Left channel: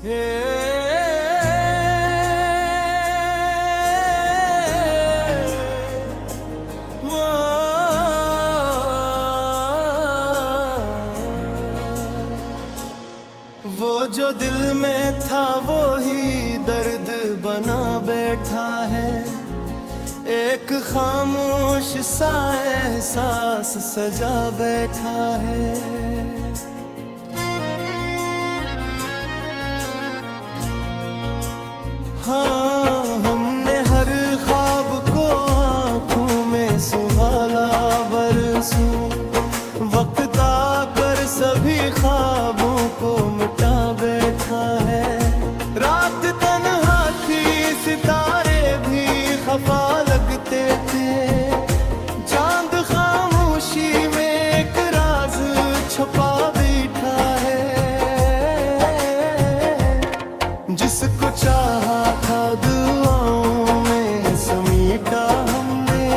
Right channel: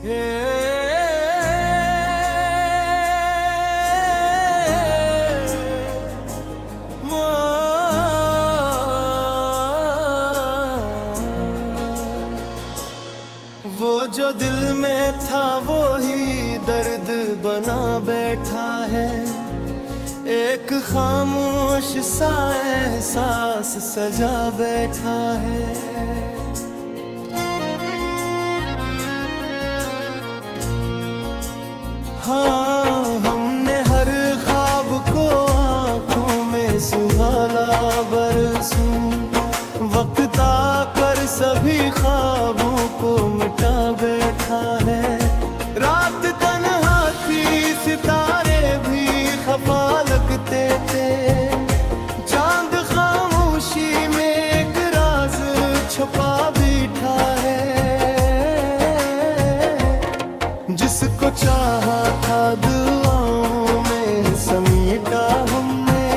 वो जो दिल में था वो ही दर्द बना बैठा है, एक खामोश सा एहसास सजा बैठा है। हाँ, हमने हर ख्वाब को आँखों में सुहाना बरसों, वक्त आकर सभी ख्वाबों को मिटा बैठा है। रात तन्हा थी, सितारे भी खफा लगते थे, चांद खामोशी में एक राज छुपा बैठा है। जिसको चाहा था दुआओं में समेटा हमने,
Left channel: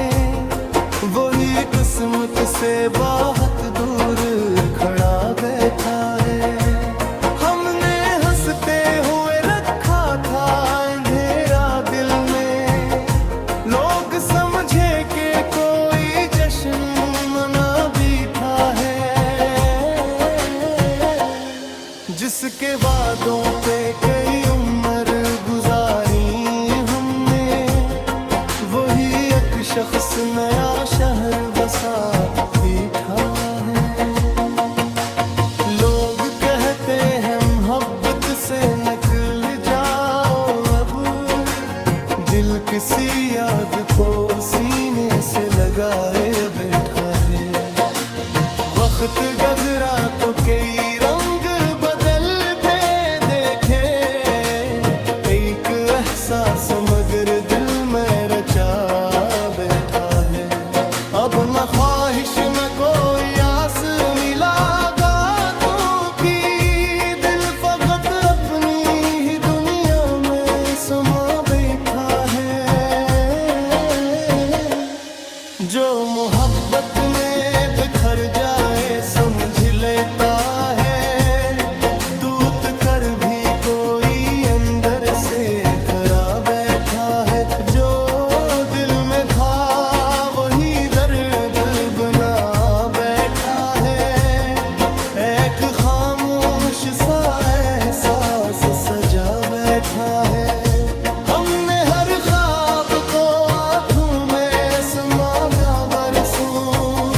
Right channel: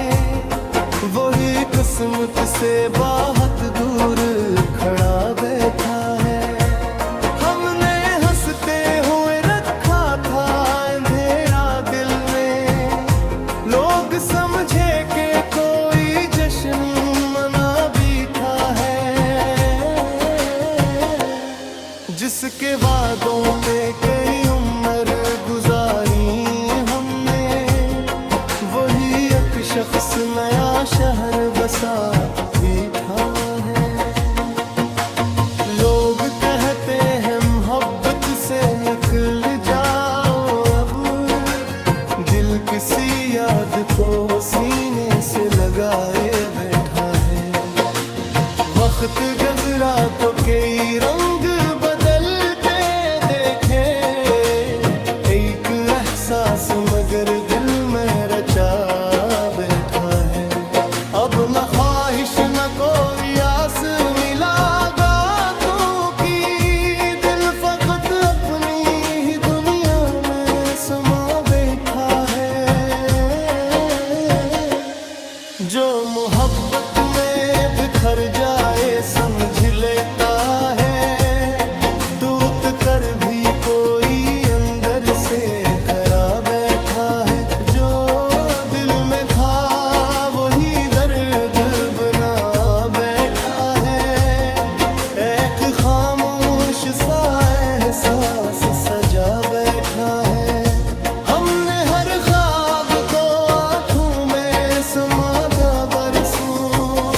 वही किस्मत से बहुत दूर खड़ा बैठा है। हमने हंसते हुए रखा था अंधेरा दिल में, लोग समझे कि कोई जश्न मना बैठा है। जिसके वादों पे कई उम्र गुजारी हमने, वही एक शख्स नया शहर बसा बैठा है। लोग कहते हैं मोहब्बत से निकल जाओ अब, दिल किसी याद को सीने से लगाए बैठा है। वक्त गुजरा तो कई रंग बदलते देखे, एक एहसास मगर दिल में रचा बैठा है। अब न ख्वाहिश न कोई आस मिला बातों की, दिल फकत अपनी ही दुनिया में समा बैठा है। जो मोहब्बत में बिखर जाए समझ लेता है, टूट कर भी कोई अंदर से खरा बैठा है। जो दिल में था वही दर्द बना बैठा है, एक खामोश सा एहसास सजा बैठा है। हमने हर ख्वाब को आँखों में समा बरसों,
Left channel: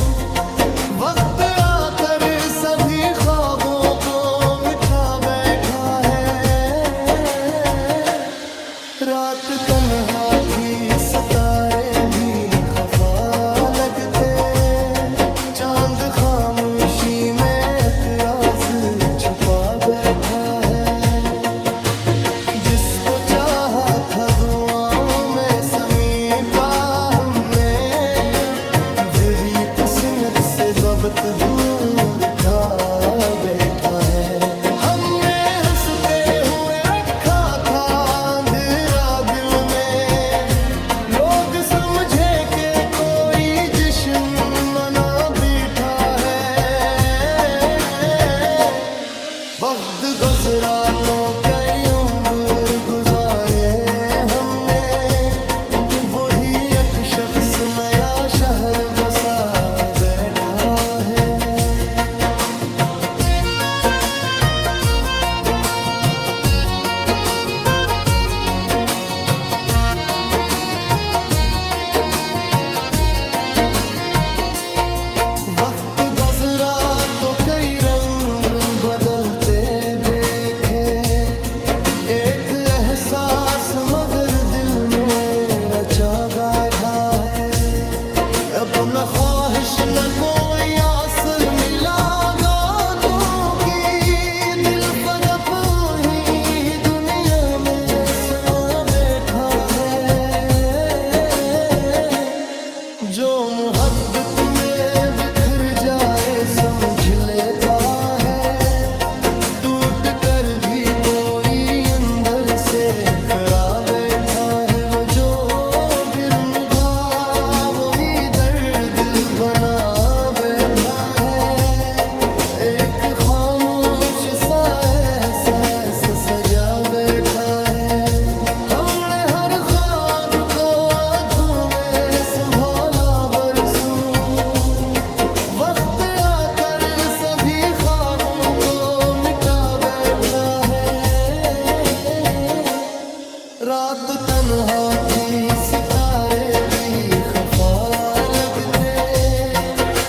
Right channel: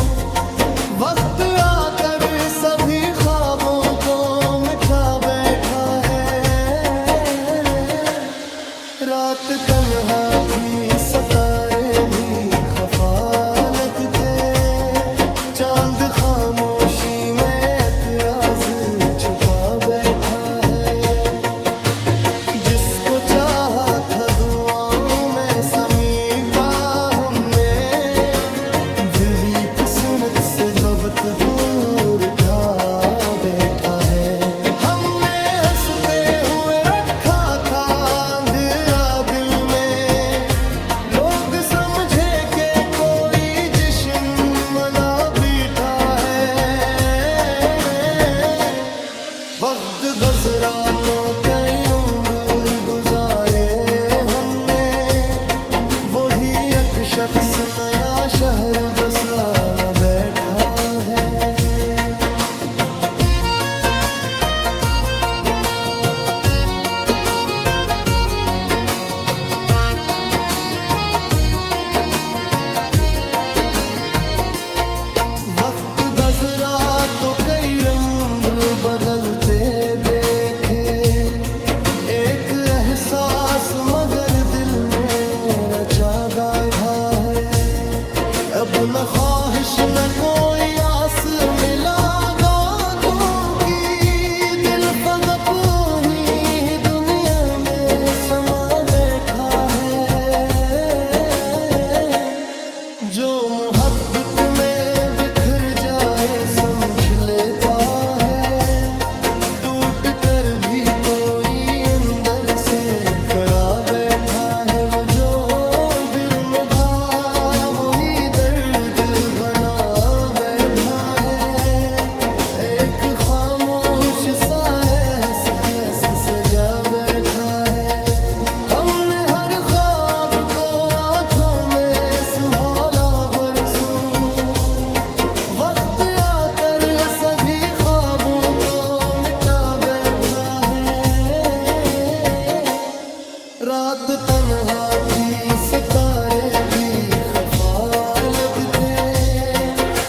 वक्त आकर सभी ख्वाबों को मिटा बैठा है। रात तन्हा थी, सितारे भी खफा लगते, चांद खामोशी में एक राज छुपा बैठा है। जिसको चाहा था दुआओं में समेटा हमने, दिली किस्मत से वक्त दूर था बैठा है। हमने हंसते हुए रखा था अंधेरा दिल में, लोग समझे कि कोई जश्न मना बैठा है। वक्त गुजरा तो कई उम्र गुजारे हमने, वही एक शख्स नया शहर बसा बैठा है। वक्त गुजरा तो कई रंग बदलते देखे, एक एहसास मगर दिल में रचा बैठा है। अब न ख्वाहिश न कोई आस मिला बातों की, दिल फकत ही दुनिया में समा बैठा है। जो मोहब्बत में बिखर जाए समझ लेता है, टूट कर भी कोई अंदर से खड़ा बैठा है। वो जो बिरमधा वही दर्द बना बैठा है, एक खामोश सा एहसास से सजा बैठा है। हमने हर ख्वाब को आंखों में संभाला बरसों, वक्त आकर सभी ख्वाबों को मिटा बैठा है। रात तन्हा थी, सितारे भी खफा लगते,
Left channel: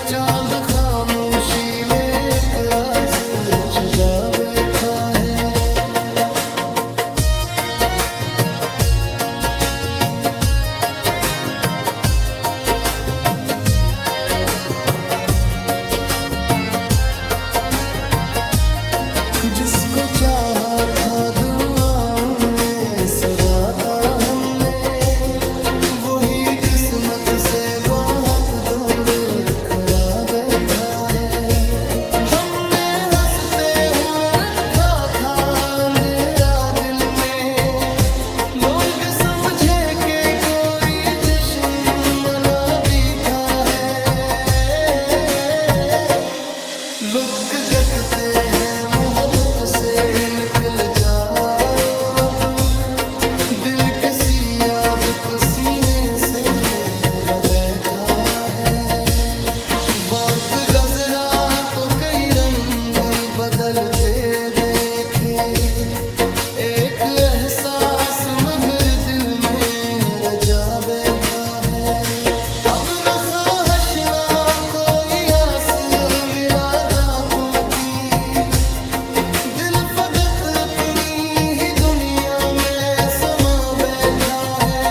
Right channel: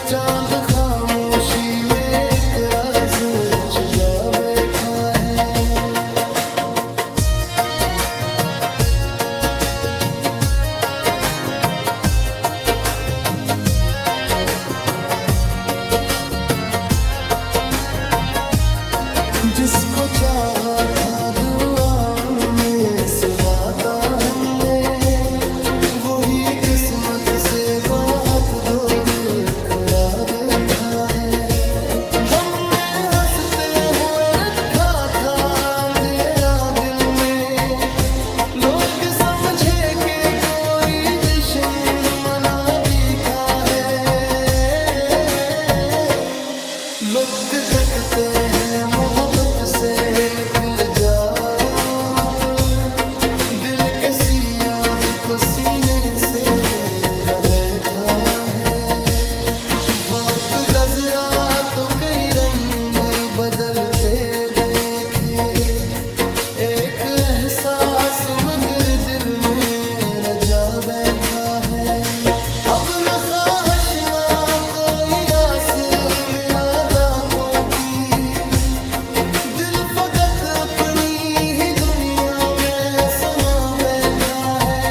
चांद खामोशी में एक राज छुपा बैठा है। जिसको चाहा था दुआओं में सुराता हमने, वही किस्मत से बहुत दूर खड़ा बैठा है। हमने हंसते हुए रखा था अंधेरा दिल में, लोग समझे कि कोई जश्न मना बीता है। लुक गकते हैं मोहब्बत से, निकल जाओ अब, दिल किसी याद को सीने से मेरा बैठा है। वक्त गुजरा तो कई रंग बदलते देखे, एक एहसास मगर दिल में रजा बैठा है। अब न ख्वाहिश ना कोई आस मिला दांतों की, दिल फकत अपनी ही दुनिया में समा बैठा है।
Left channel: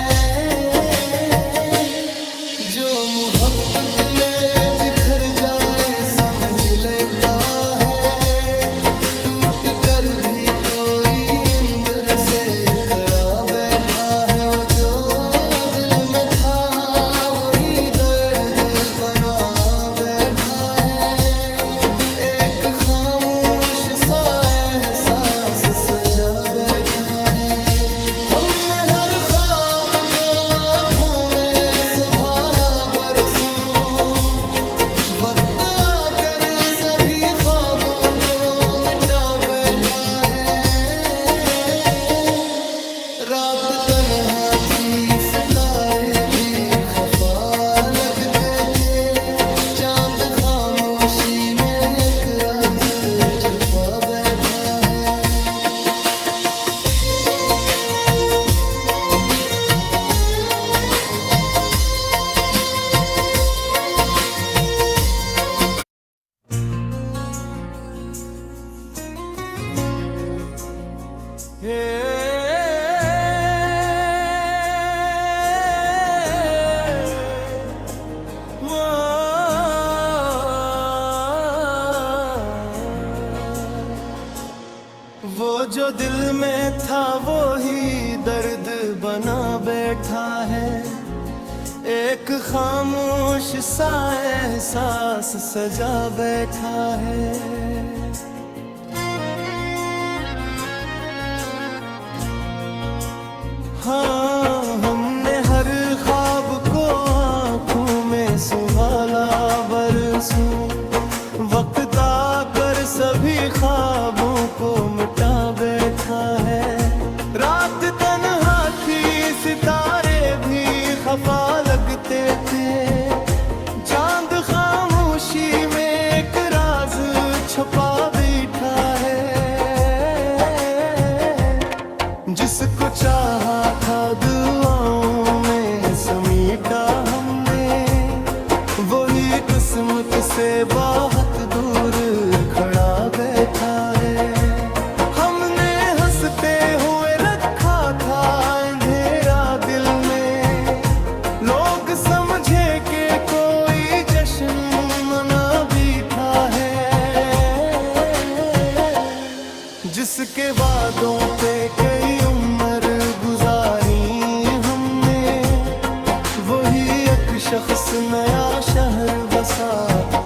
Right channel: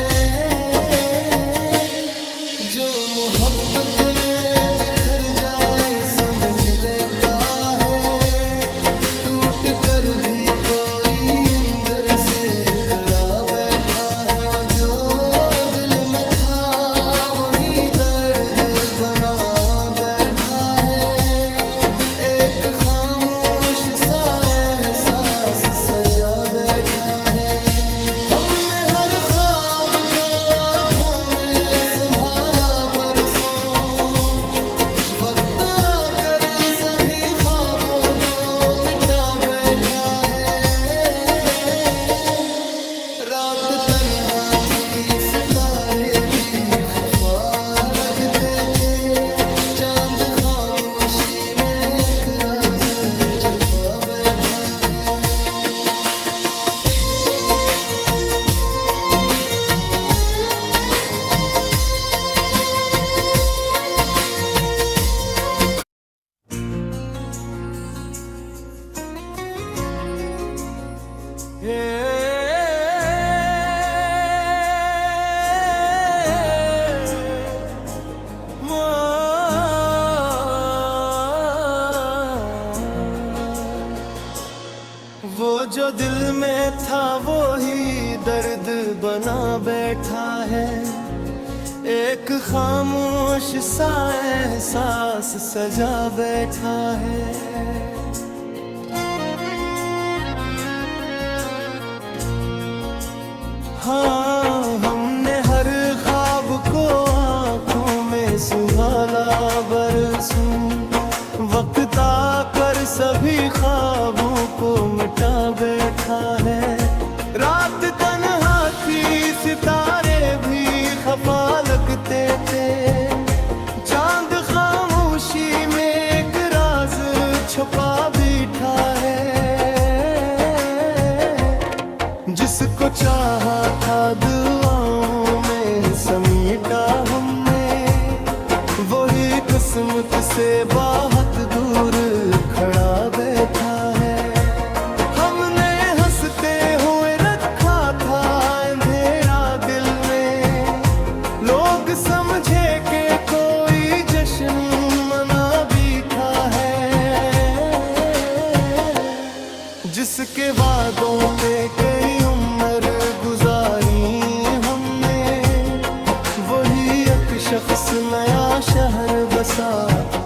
जो मोहब्बत में बिखर जाए समझ लेता है, टूट कर भी कोई अंदर से करा बैठा है। वो जो दिल में था वही दर्द बना बैठा है, एक खामोश सा एहसास सजा बैठा है। हमने हर ख्वाब को आंखों में संभाला बरसों, वक्त आकर सभी ख्वाबों को मिटा बैठा है। रात तन्हा थी, सितारे भी खफा लगते थे, चांद खामोशी में एक राज छुपा बैठा है। वो जो दिल में था वो ही दर्द बना बैठा है, एक खामोश सा एहसास सजा बैठा है। हाँ, हमने हर ख्वाब को आँखों में संभाला बरसों, वक्त आकर सभी ख्वाबों को मिटा बैठा है। रात तन्हा थी, सितारे भी खफा लगते थे, चांद खामोशी में एक राज छुपा बैठा है। जिसको चाहा था दुआओं में समीटा हमने, वही किस्मत से बहुत दूर खड़ा बैठा है। हमने हंसते हुए रखा था अंधेरा दिल में, लोग समझे कि कोई जश्न मना बीठा है। जिसके वादों पे कई उम्र गुजारी हमने, वही एक शख्स नया शहर बसा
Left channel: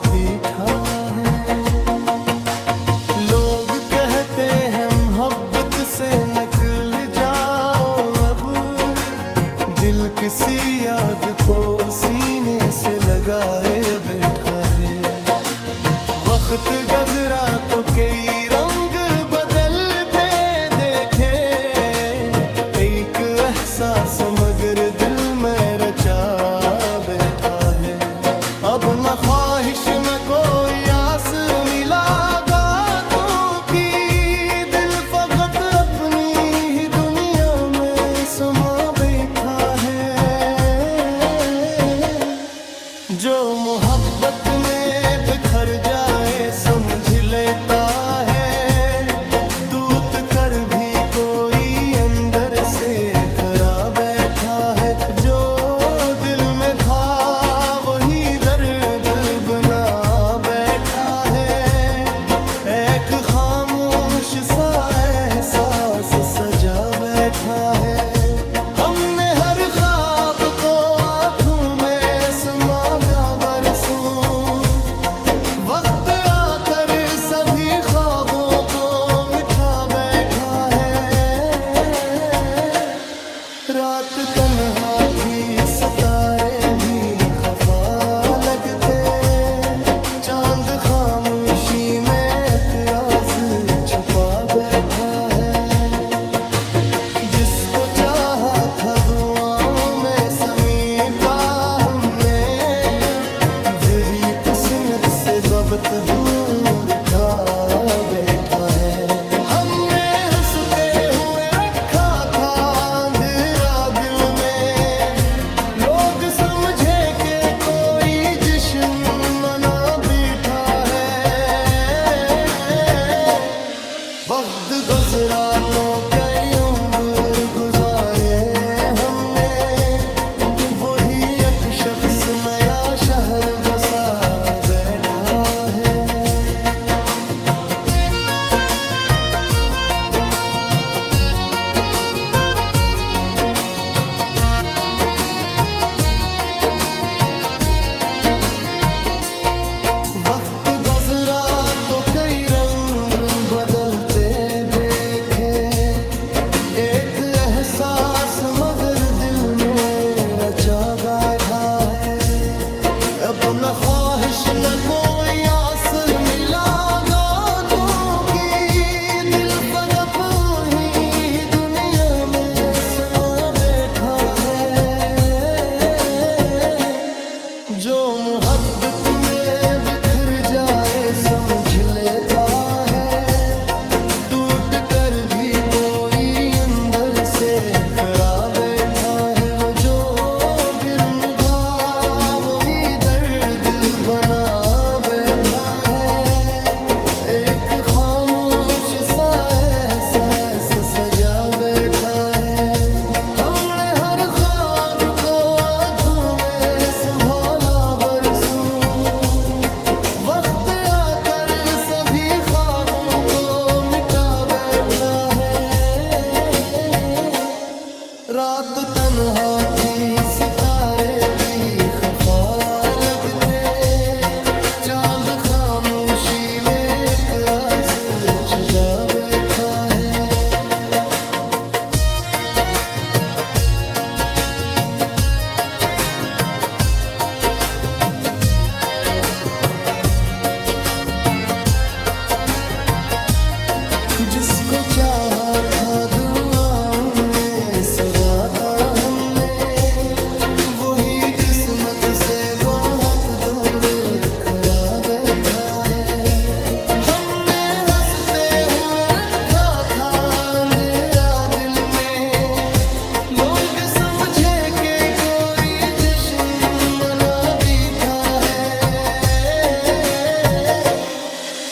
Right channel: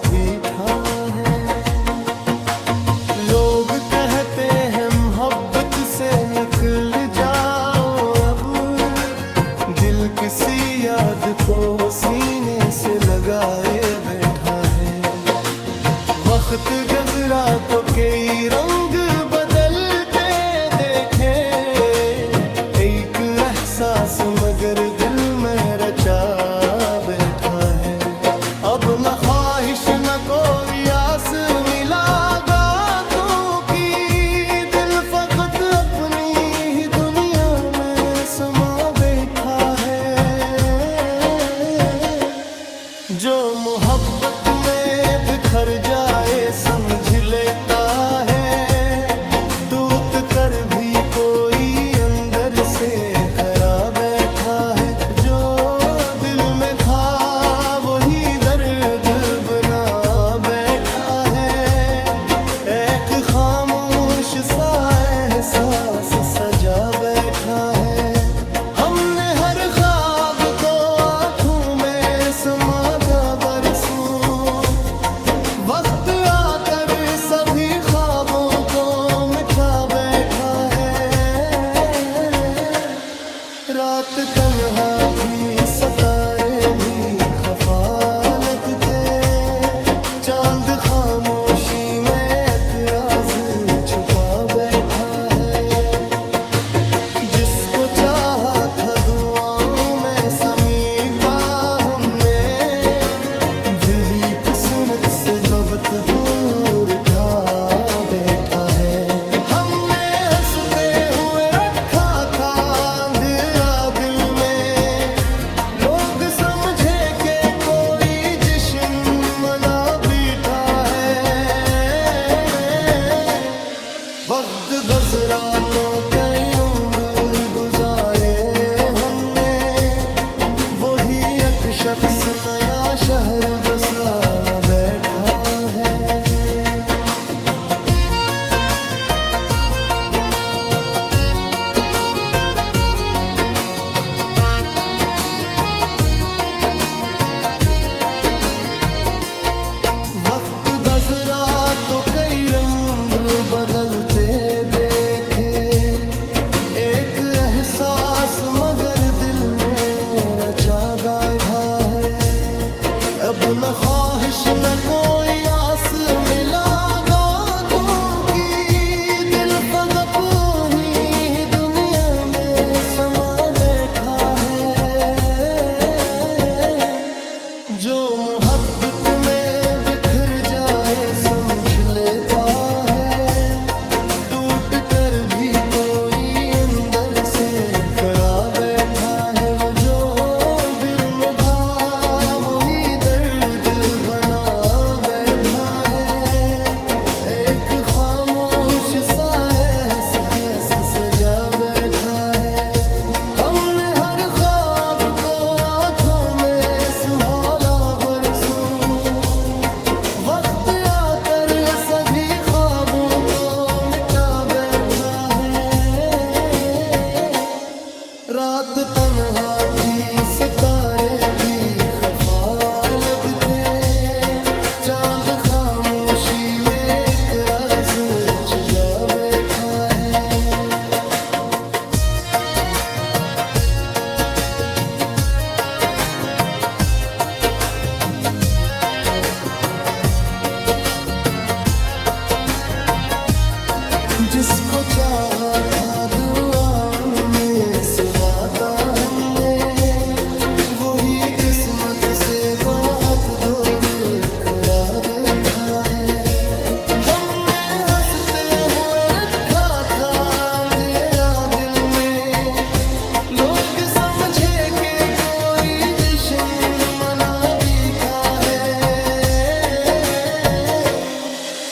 बैठा है। लोग कहते हैं मोहब्बत से निकल जाओ अब, दिल किसी याद को सीने से लगाए बैठा है। वक्त गुजरा तो कई रंग बदलते एहसास मगर दिल में रचा बैठा है। अब न ख्वाहिश न कोई आस मिला गातों की, दिल फकत अपनी ही दुनिया में समा बैठा है। जो मोहब्बत में बिखर जाए समझ लेता है, टूट कर भी कोई अंदर से खरा बैठा है। जो दिल में था वही दर्द बना बैठा है, एक खामोश सा एहसास सजा बैठा है। हमने हर ख्वाब को आंखों में समा बरसों, वक्त आकर सभी ख्वाबों को मिटा बैठा है। रात तन्हा थी सितारे भी खफा लगते, चांद खामोशी में एक राज छुपा बैठा है। जिसको चाहा था दुआओं में समेटा हमने, दिली किस्मत से वक्त दूर था बैठा है। हमने हंसते हुए रखा था अंधेरा दिल में, लोग समझे कि कोई जश्न मना बैठा है। वक्त गुजरा तो कई उम्र गुजारे हमने, वही एक शख्स नया शहर बसा बैठा है। वक्त गुजरा तो कई रंग बदलते देखे, एक एहसास मगर दिल में रचा गाया है। अब न ख्वाहिश न कोई आस मिला गातों की, दिल फकत ही दुनिया में समा बैठा है। जो मोहब्बत में बिखर जाए समझ लेता है, टूट कर भी कोई अंदर से खरा बैठा है। वो जो बिरम था वही दर्द बना बैठा है, एक खामोश सा एहसास सजा बैठा है। हमने हर ख्वाब को आंखों में संभाला बरसों, वक्त आकर सभी ख्वाबों को मिटा बैठा है। रात तन्हा थी सितारे भी खफा लगते, चांद खामोशी में एक राज छुपा बैठा है। जिसको चाहा था दुआओं में सुराता हमने, वही किस्मत से बहुत दूर खड़ा बैठा है। हमने हंसते हुए रखा था अंधेरा दिल में, लोग समझे कि कोई जश्न मना बैठा है।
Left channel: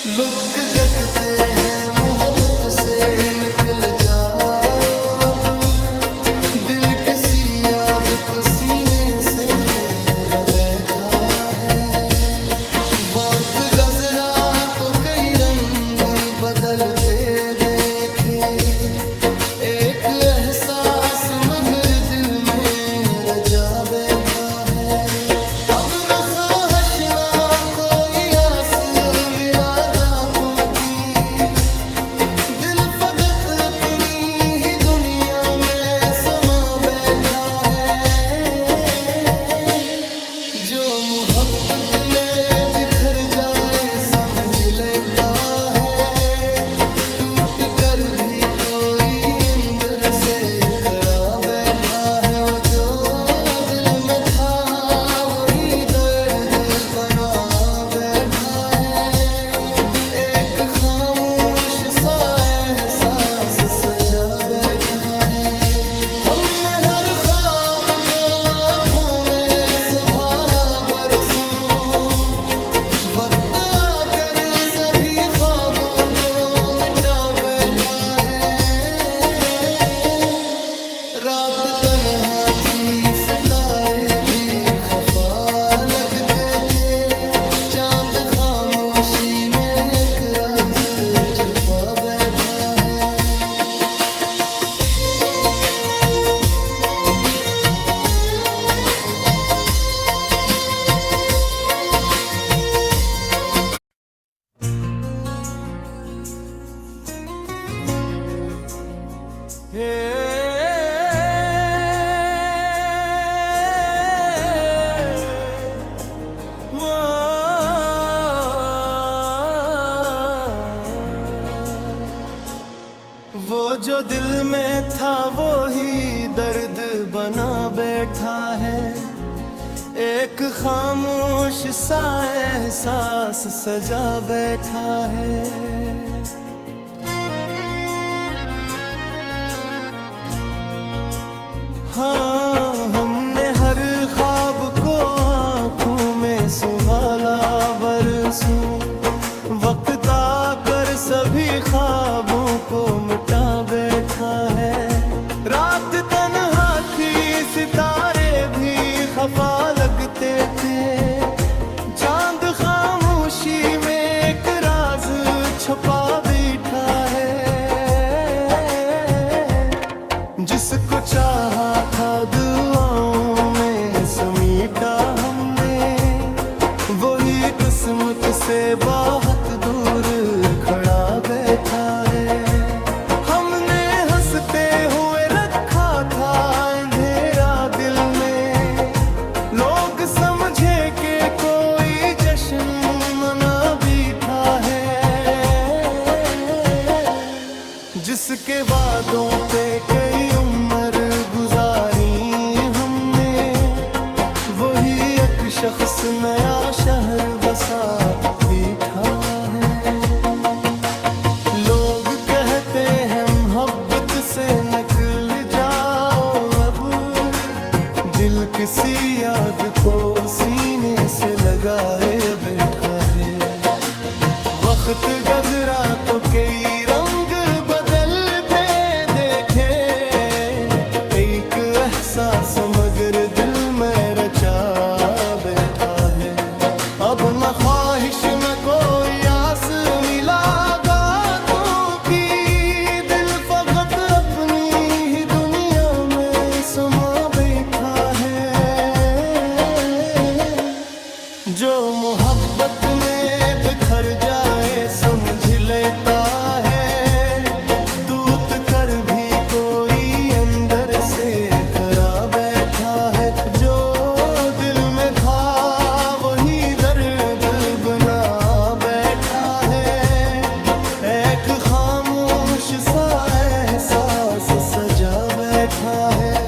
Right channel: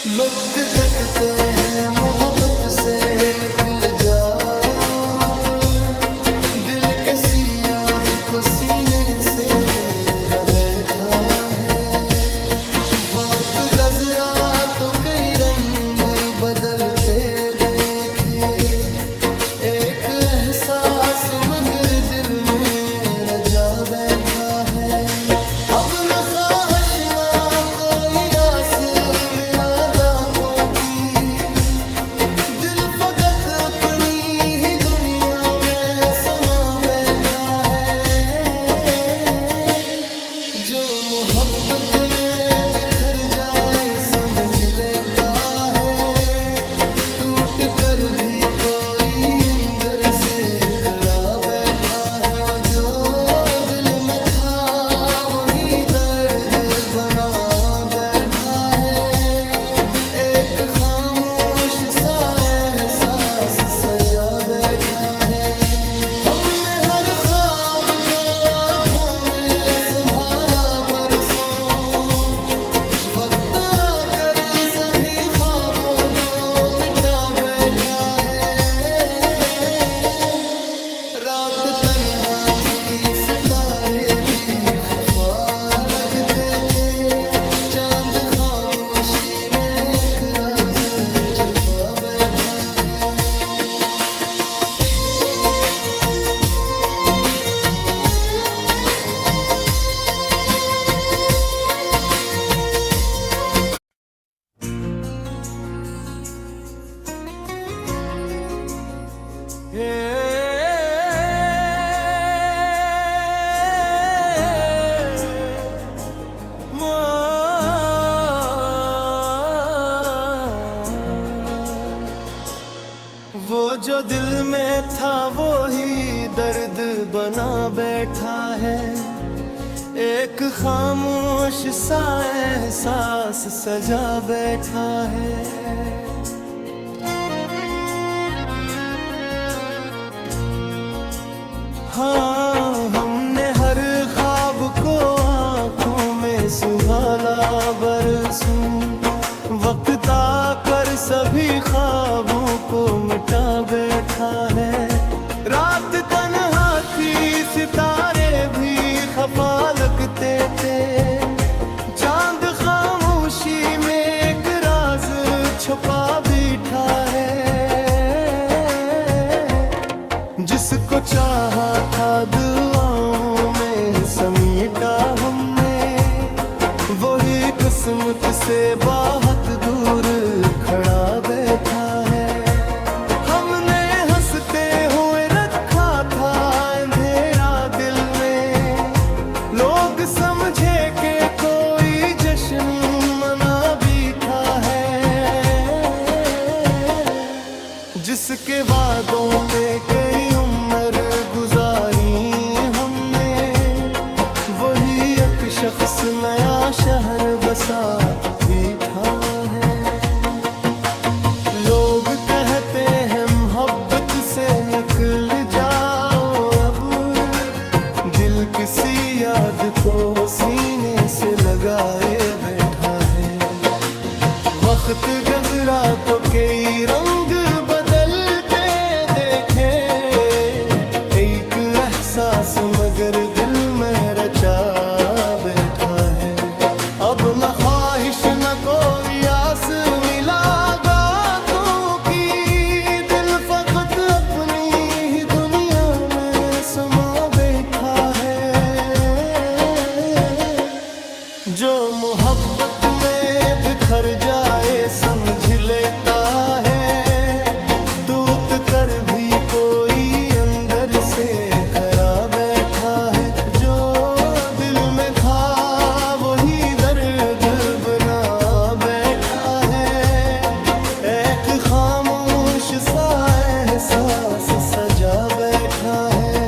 लुक गकते हैं मोहब्बत से निकल जाओ अब, दिल किसी याद को सीने से ले बैठा है। वक्त गुजरा तो कई रंग बदलते देखे, एक एहसास मगर दिल में रजा बैठा है। अब न ख्वाहिश ना कोई आस मिला गातों की, दिल फकत अपनी ही दुनिया में समा बैठा है। जो मोहब्बत में बिखर जाए समझ लेता है, टूट कर भी कोई अंदर से खरा बैठा सा एहसास सजा बैठा है। हमने हर ख्वाब को आंखों में संभाला बरसों, वक्त आकर सभी ख्वाबों को मिटा बैठा है। रात तन्हा थी, सितारे भी खफा लगते थे, चांद खामोशी में एक राज छुपा बैठा है। वो जो दिल में था वो ही दर्द बना बैठा है। एक खामोश सा एहसास सजा बैठा है। हाँ, हमने हर ख्वाब को आँखों में सुहाना बरसों, वक्त आकर सभी ख्वाबों को मिटा बैठा है। रात तन्हा थी, सितारे भी खफा लगते थे, चांद खामोशी में एक राज छुपा बैठा है। जिसको चाहा था दुआओं में समेटा हमने, वही किस्मत से बहुत दूर खड़ा बैठा है। हमने हंसते हुए रखा था अंधेरा दिल में, लोग समझे कि कोई जश्न मना बैठा है। जिसके वादों पे कई उम्र गुजारी हमने, वही एक शख्स नया शहर बसा बैठा है। लोग कहते हैं मोहब्बत से निकल जाओ अब, दिल किसी याद को सीने से लगाए बैठा है। वक्त गुजरा तो कई रंग बदलते देखे, एक एहसास मगर दिल में रचा बैठा है। अब न ख्वाहिश न कोई आस मिला बातों की, दिल फकत अपनी ही दुनिया में समा बैठा है। जो मोहब्बत में बिखर जाए समझ लेता है, टूट कर भी कोई अंदर से खरा बैठा है। जो दिल में था वही दर्द बना बैठा है। एक खामोश सा एहसास सजा बैठा है।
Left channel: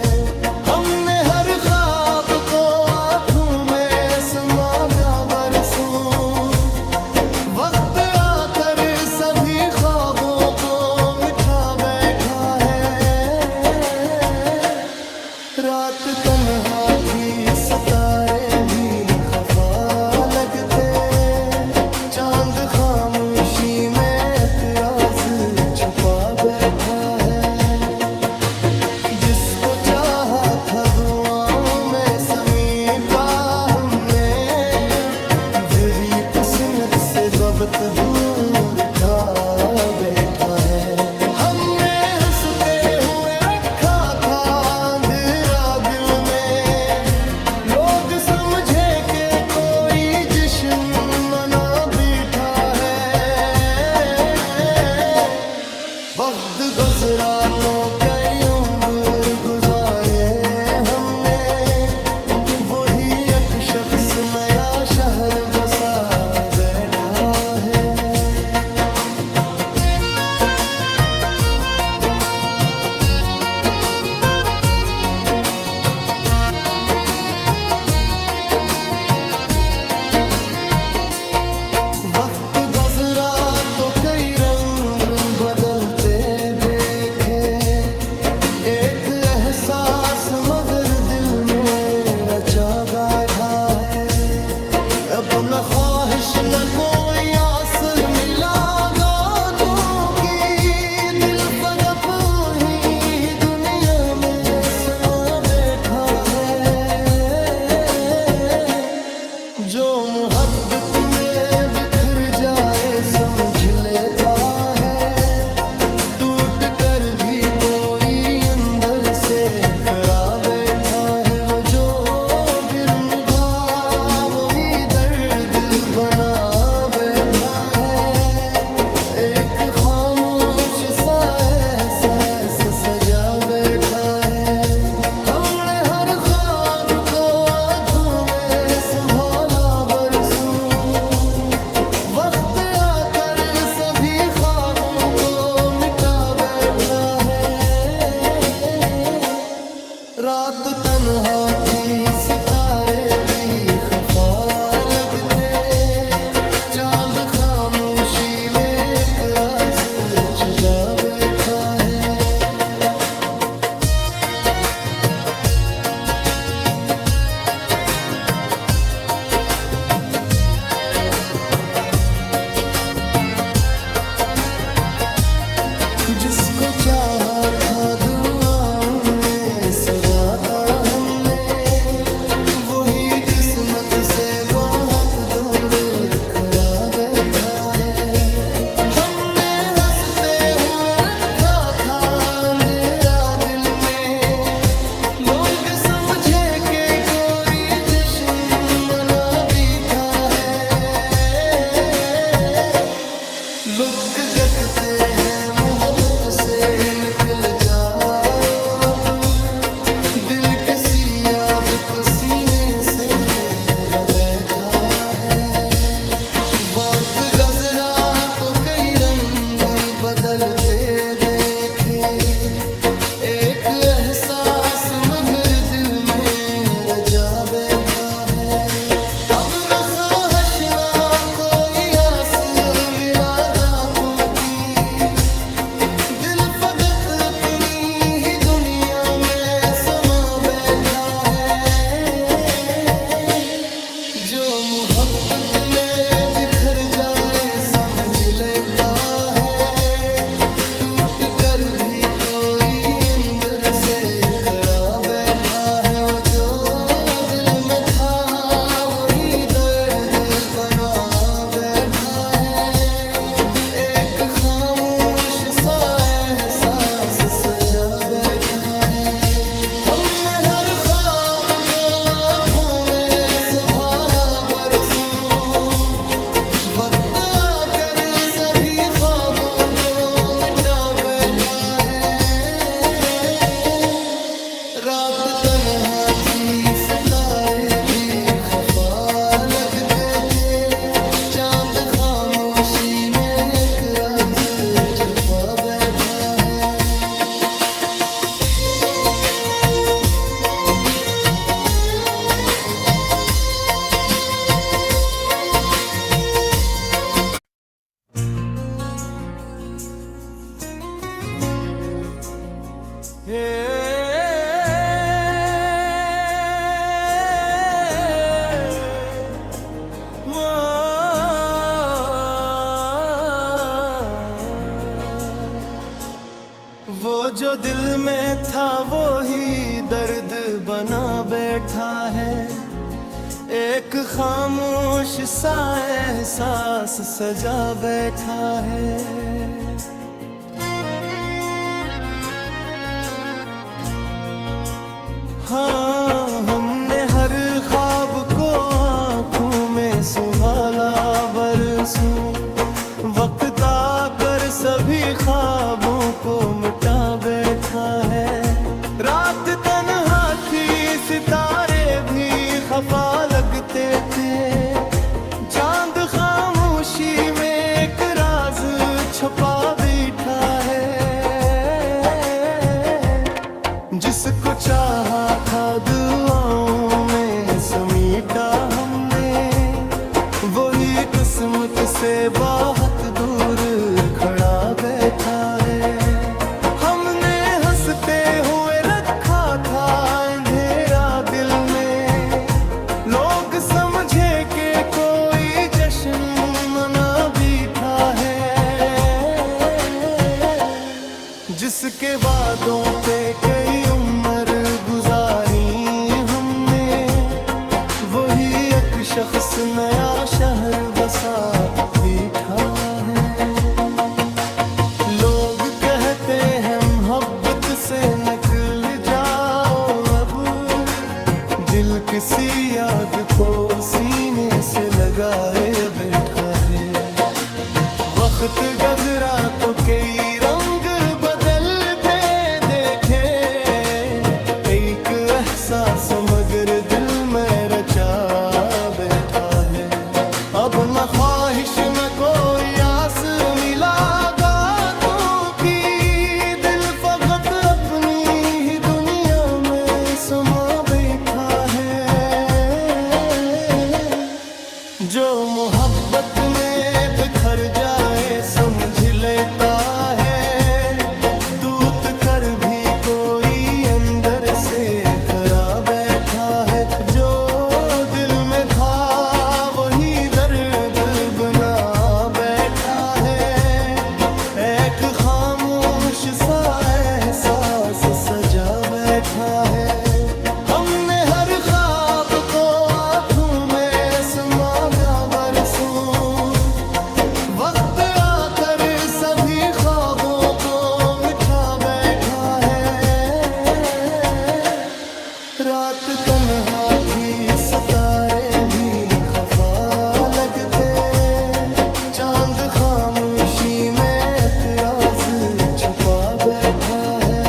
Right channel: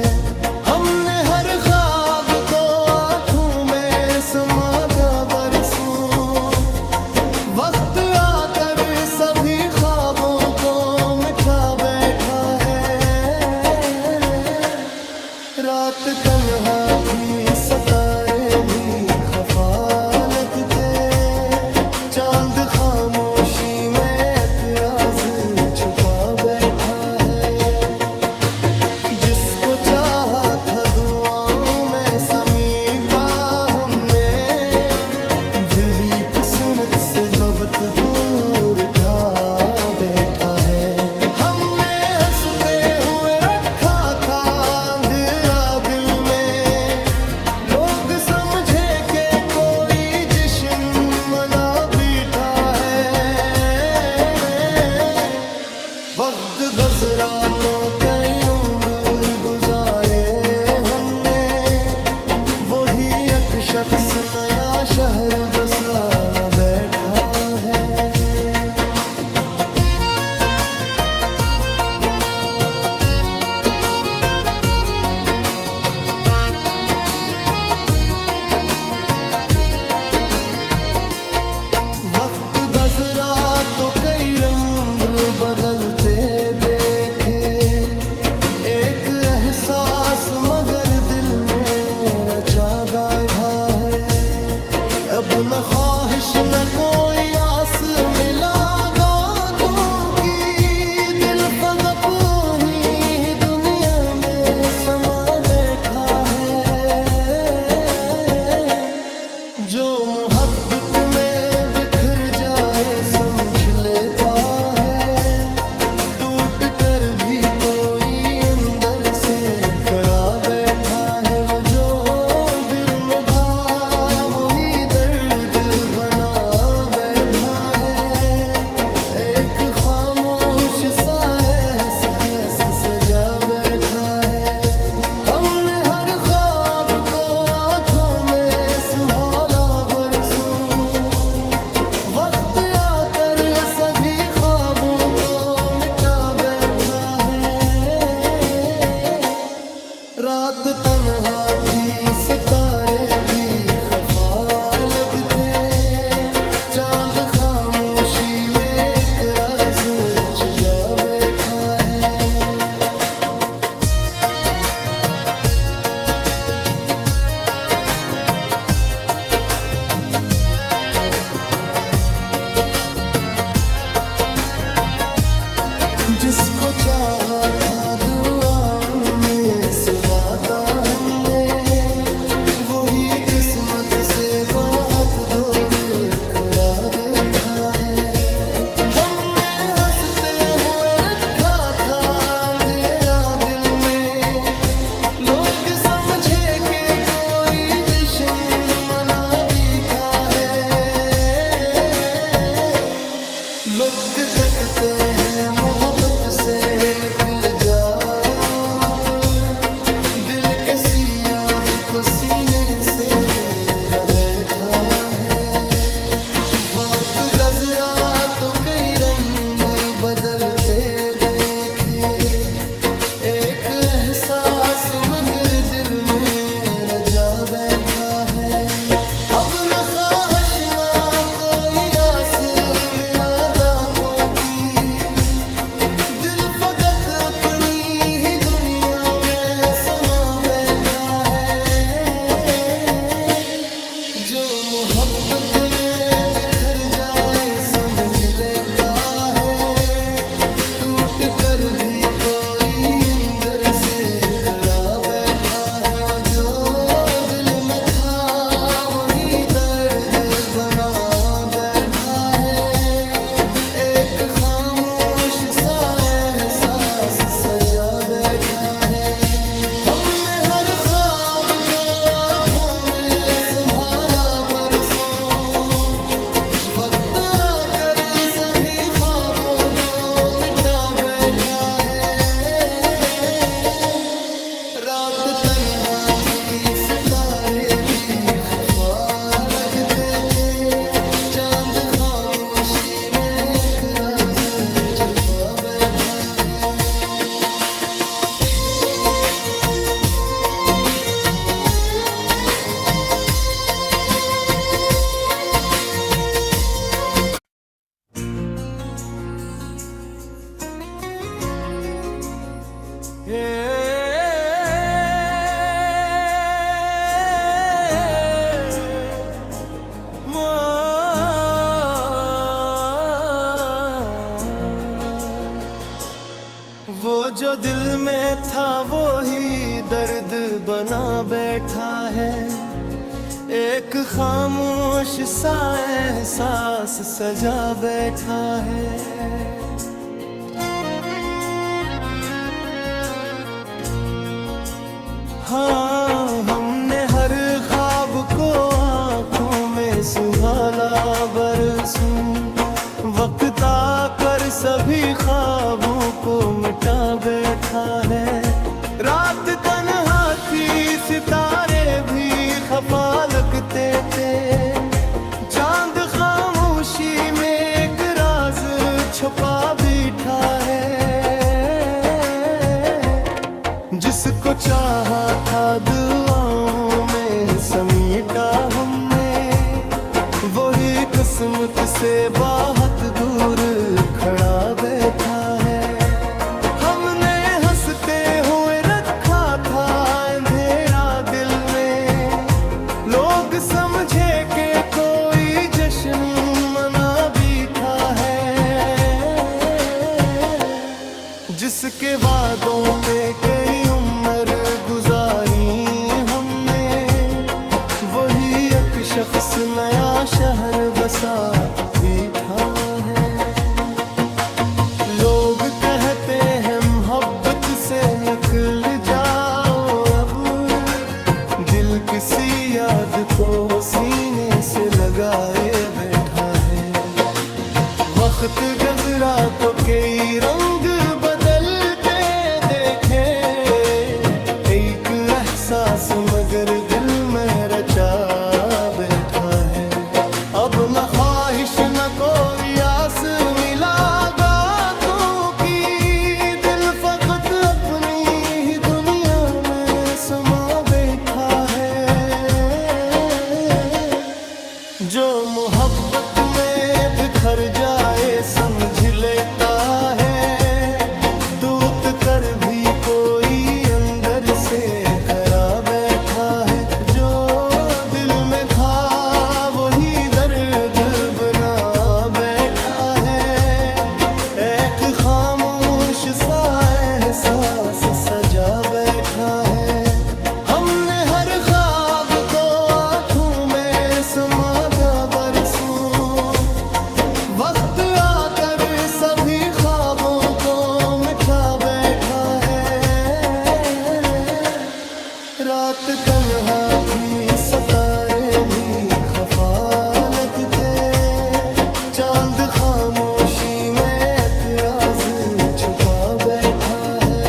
हमने हर ख्वाब को आंखों में समा बरसों, वक्त आकर सभी ख्वाबों को मिटा बैठा है। रात तन्हा थी, सितारे भी खफा लगते, चांद खामोशी में एक राज छुपा बैठा है। जिसको चाहा था दुआओं में समेटा हमने, दिली किस्मत से वक्त दूर था बैठा है। हमने हंसते हुए रखा था अंधेरा दिल में, लोग समझे कि कोई जश्न मना बैठा है। वक्त गुजरा तो कई उम्र गुजारे हमने, वही एक शख्स नया शहर बसा बैठा है। वक्त गुजरा तो कई रंग बदलते देखे, एक एहसास मगर दिल में रचा गाया है। अब न ख्वाहिश न कोई आस मिला गातों की, दिल फगप ही दुनिया में समा बैठा है। जो मोहब्बत में बिखर जाए समझ लेता है, टूट कर भी कोई अंदर से खड़ा बैठा है। वो जो बिरम था वही दर्द बना बैठा है, एक खामोश सा एहसास सजा बैठा है। हमने हर ख्वाब को आंखों में संभाला बरसों, वक्त आकर सभी ख्वाबों को मिटा बैठा है। रात तन्हा थी सितारे भी खफा लगते, चांद खामोशी में एक राज छुपा बैठा है। जिसको चाहा था दुआओं में सगाता हमने, वही किस्मत से बहुत दूर खड़ा बैठा है। हमने हंसते हुए रखा था अंधेरा दिल में, लोग समझे कि कोई जश्न मना बैठा है। लुक गकते हैं मोहब्बत से निकल जाओ अब, दिल किसी याद को सीने से ले बैठा है। वक्त गुजरा तो कई रंग बदलते देखे, एक एहसास मगर दिल में रजा बैठा है। अब न ख्वाहिश ना कोई आस मिला दांतों की, दिल फकत अपनी ही दुनिया में समा बैठा है। जो मोहब्बत में बिखर जाए समझ लेता है, टूट कर भी कोई अंदर से खड़ा बैठा है। वो जो दिल में था वही दर्द बना बैठा है, एक खामोश सा एहसास सजा बैठा है। हमने हर ख्वाब को आंखों में संभाला बरसों, वक्त आकर सभी ख्वाबों को मिटा बैठा है। रात तन्हा थी सितारे भी खफा लगते थे, चांद खामोशी में एक राज छुपा बैठा है। वो जो दिल में था वो ही दर्द बना बैठा है, एक खामोश सा एहसास सजा बैठा है। हाँ, हमने हर ख्वाब को आँखों में सुहाना बरसों, वक्त आकर सभी ख्वाबों को मिटा बैठा है। रात तन्हा थी सितारे भी खफा लगते थे, चांद खामोशी में एक राज छुपा बैठा है। जिसको चाहा था दुआओं में समेटा हमने, वही किस्मत से बहुत दूर खड़ा बैठा है। हमने हंसते हुए रखा था अंधेरा दिल में, लोग समझे कि कोई जश्न मना बैठा है। जिसके वादों पे कई उम्र गुजारी हमने, वही एक शख्स नया शहर बसा बैठा है। लोग कहते हैं मोहब्बत से निकल जाओ अब, दिल किसी याद को सीने से लगाए बैठा है। वक्त गुजरा तो कई रंग बदलते देखे, एक एहसास मगर दिल में रचा बैठा है। अब न ख्वाहिश न कोई आस मिला बातों की, दिल फकत अपनी ही दुनिया में समा बैठा है। जो मोहब्बत में बिखर जाए समझ लेता है, टूट कर भी कोई अंदर से खरा बैठा है। जो दिल में था वही दर्द बना बैठा है, एक खामोश सा एहसास सजा बैठा है। हमने हर ख्वाब को आंखों में समा बरसों, वक्त आकर सभी ख्वाबों को मिटा बैठा है। रात तन्हा थी सितारे भी खफा लगते, चांद खामोशी में एक राज छुपा बैठा है।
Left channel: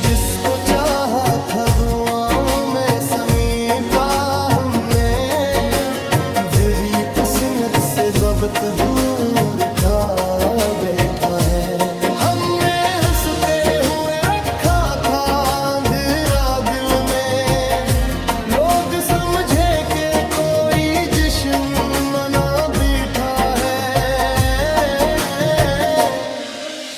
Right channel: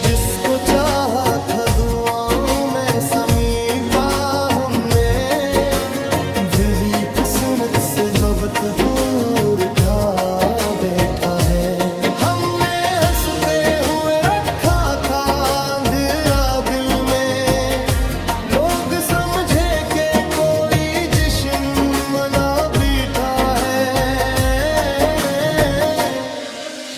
जिसको चाहा था दुआओं में समीटा हमने, दिली किस्मत से वक्त दूर था बैठा है। हमने हंसते हुए रखा था अंधेरा दिल में, लोग समझे कि कोई जश्न मना बैठा है।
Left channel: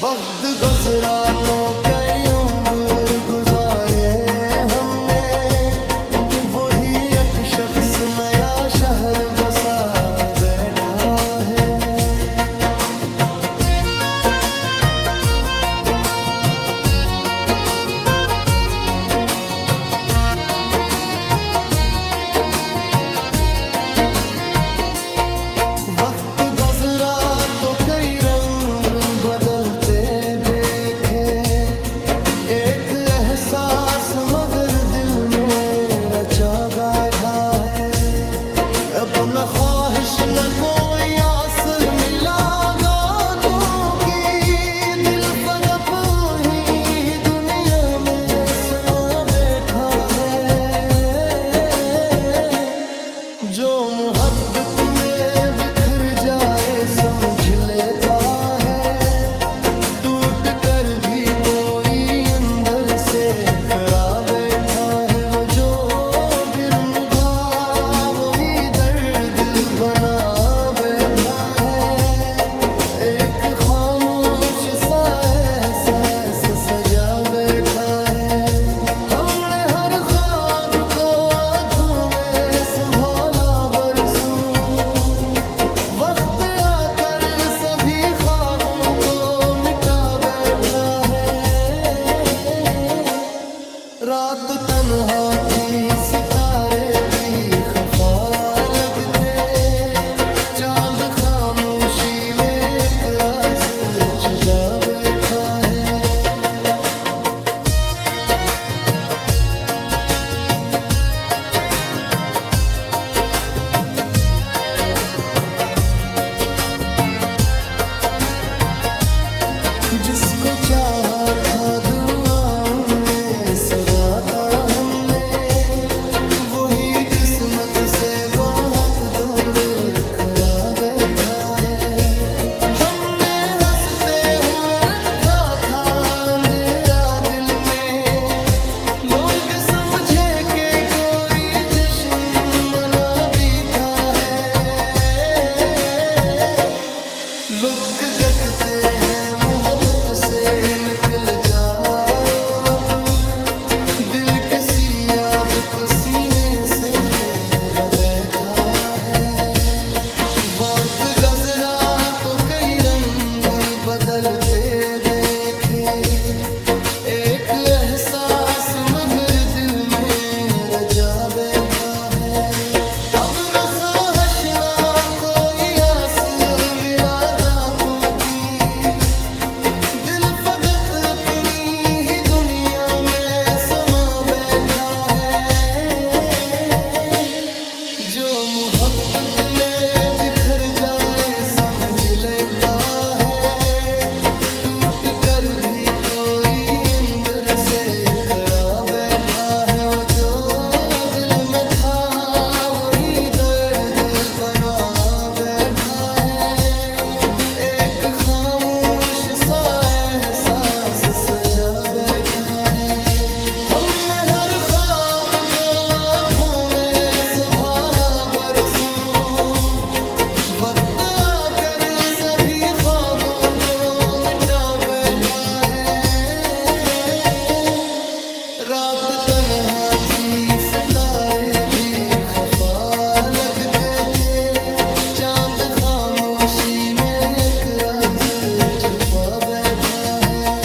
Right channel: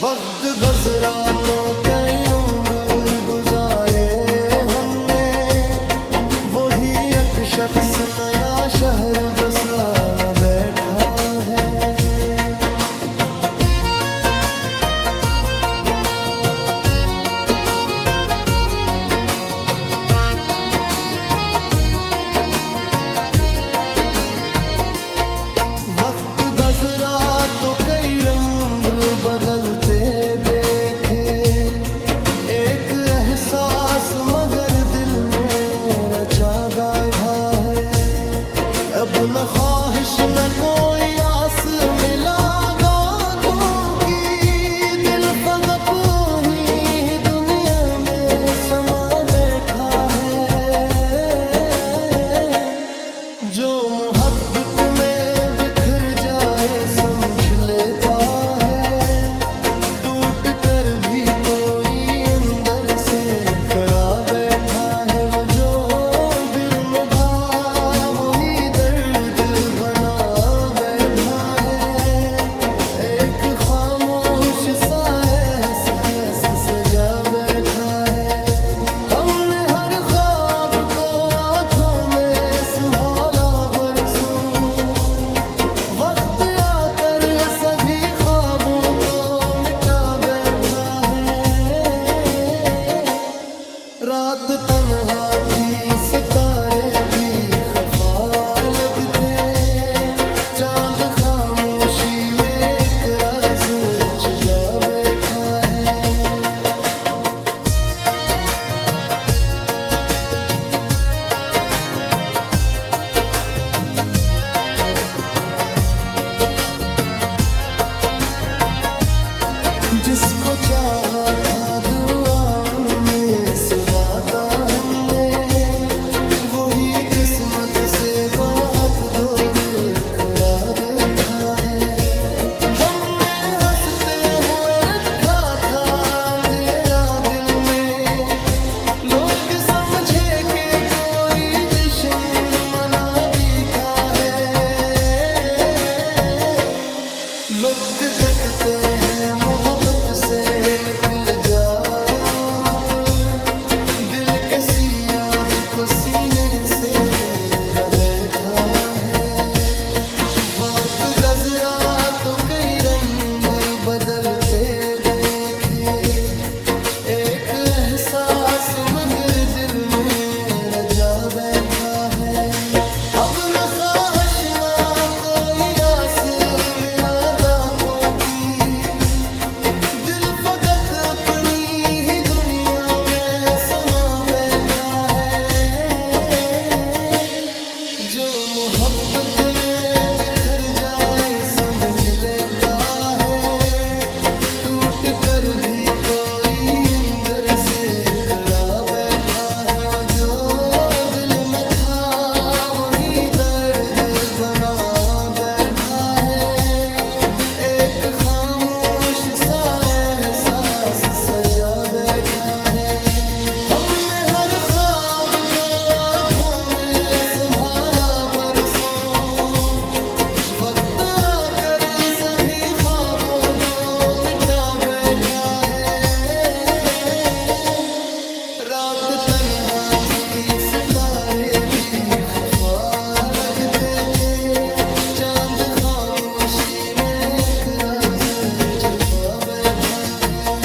वक्त गुजरा तो कई उम्र गुजारे हमने, वही एक शख्स नया शहर बसा बैठा है। वक्त गुजरा तो कई रंग बदलते देखे, एक एहसास मगर दिल में रचा बैठा है। अब न ख्वाहिश न कोई आस मिला बातों की, दिल फकत ही दुनिया में समा बैठा है। जो मोहब्बत में बिखर जाए समझ लेता है, टूट कर भी कोई अंदर से खरा बैठा है। वो जो बिरम था वही दर्द बना बैठा है, एक खामोश सा एहसास सजा बैठा है। हमने हर ख्वाब को आंखों में संभाला बरसों, वक्त आकर सभी ख्वाबों को मिटा बैठा है। रात तन्हा थी सितारे भी खफा लगते, चांद खामोशी में एक राज छुपा बैठा है। जिसको चाहा था दुआओं में सुराता हमने, वही किस्मत से बहुत दूर खड़ा बैठा है। हमने हंसते हुए रखा था अंधेरा दिल में, लोग समझे कि कोई जश्न मना बैठा है। कहते हैं मोहब्बत से निकल जाओ अब, दिल किसी याद को सीने से मेरा बैठा है। वक्त गुजरा तो कई रंग बदलते देखे, एक एहसास मगर दिल में रजा बैठा है। अब न ख्वाहिश ना कोई आस मिला दातों की, दिल फकत अपनी ही दुनिया में समा बैठा है। जो मोहब्बत में बिखर जाए समझ लेता है, टूट कर भी कोई अंदर से करा बैठा है। वो जो दिल में था वही दर्द बना बैठा है, एक खामोश सा एहसास सजा बैठा है। हमने हर ख्वाब को आंखों में संभाला बरसों, वक्त आकर सभी ख्वाबों को मिटा बैठा है। रात तन्हा थी सितारे भी खफा लगते थे, चांद खामोशी में एक राज छुपा बैठा है।